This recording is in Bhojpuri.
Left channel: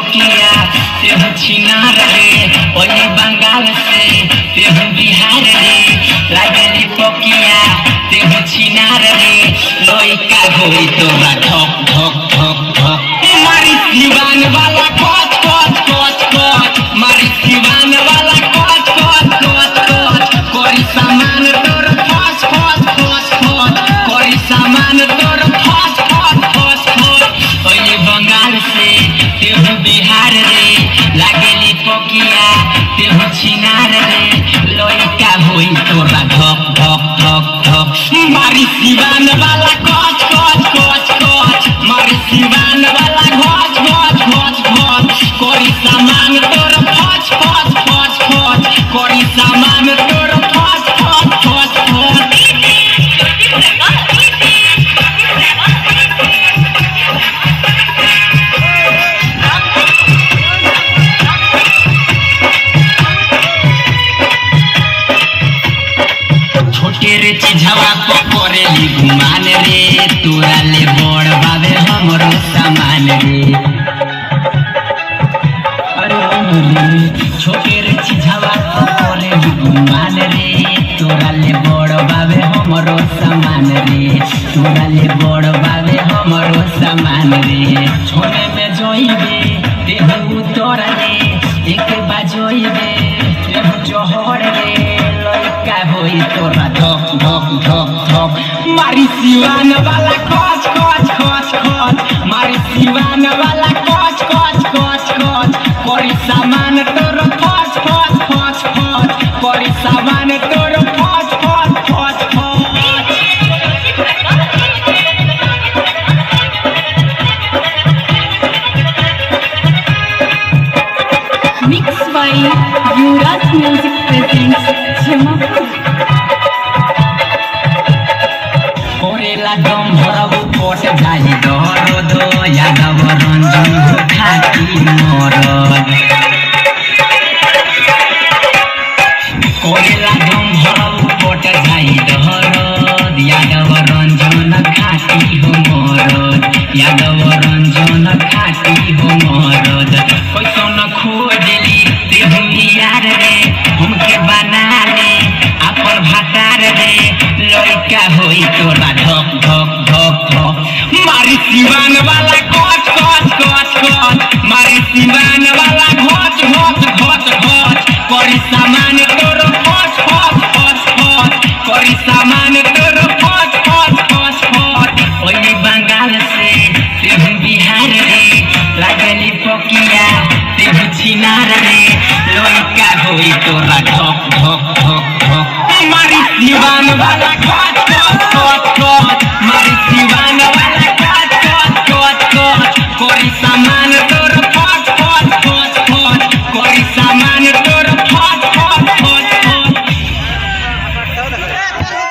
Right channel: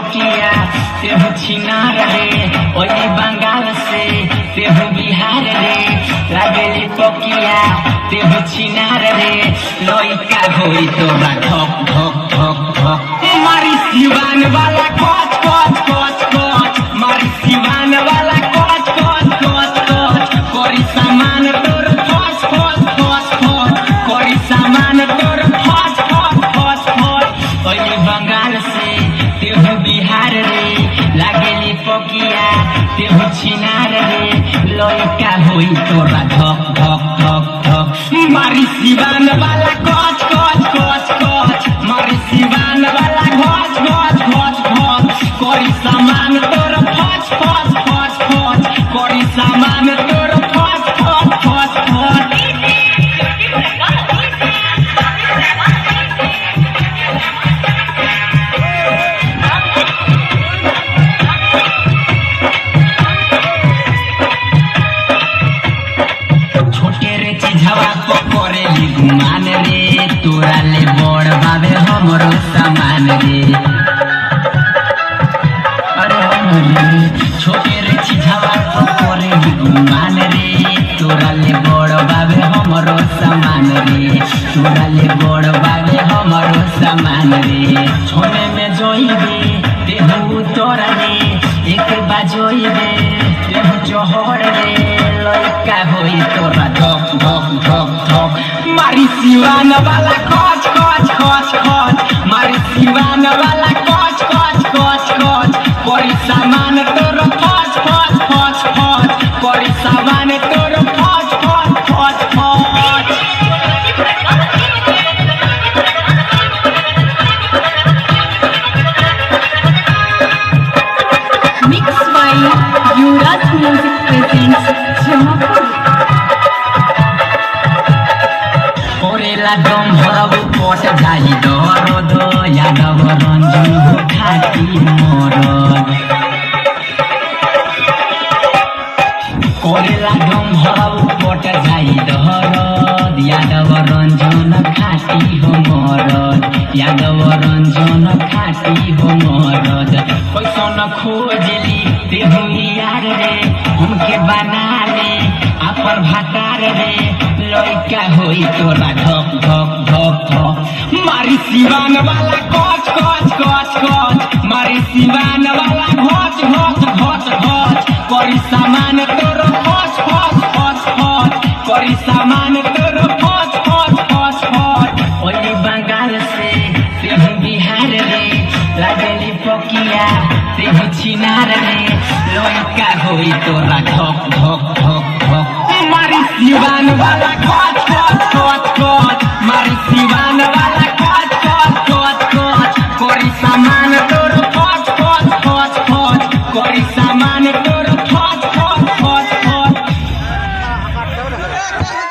पकिया तेहू छिनार रे ओली बंगाल से तेहू बिहार रे लागली पकिया तेहू छिनार रे लइका होई तोरा ठक ठक ठक ठक मारी दीवान वाला कोच कोच कोच कोच मारी दीवान वाला कोच कोच कोच कोच कोरी सामान तोर फस फस फस फस कोरी सामान तोर फस फस फस फस ओली बंगाल से तेहू बिहार रे लागली पकिया तेहू छिनार रे लइका होई तोरा धक धक धक धक मारी दीवान वाला कोच कोच कोच कोच मारी दीवान वाला घोच घोच घोच घोच कोरी सामान तोर फस फस फस फस कोरी सामान तोर फस फस फस फस छोटे रे चिझवा को करेली गुमान रे तोरा ले बड़ बाबे हमरो सामान रे अरे हमरे छोटे रे चिझवा को करेली गुमान रे तोरा ले बड़ बाबे हमरो सामान रे तोरा ले बड़ बाबे हमरो सामान रे छोरे में जोइबे देहू तोरा रे एक बाजोइबे देहू जोहर रे लइका होई तोरा धक धक धक धक मारी दीवान वाला कोच कोच कोच कोच मारी दीवान वाला कोच कोच कोच कोच कोरी सामान तोर फस फस फस फस कोरी सामान तोर फस फस फस फस Mixed by Yuvraj Music presents Jamapur. कोरेला दम भरब कोट जाई दरद यादव रंजन हो खाती मरद कोरेला दम भरब कोट जाई दरद यादव रंजन खाती हो मरद यादव रंजन खाती हो मरद कैसन खोजली तेहू यार रे हमके बना ले अपन भातार रे लइका होई तोरा धक धक धक धक मारी दीवान वाला कोच कोच कोच कोच मारी दीवान वाला घोच घोच घोच घोच कोरी सामान तोर फस फस फस फस कोरी सामान तोर फस फस फस फस ओली बंगाल से तेहू बिहार रे लागली पकिया तेहू छिनार रे लइका होई तोरा धक धक धक धक मारी दीवान वाला कोच कोच कोच कोच मारी दीवान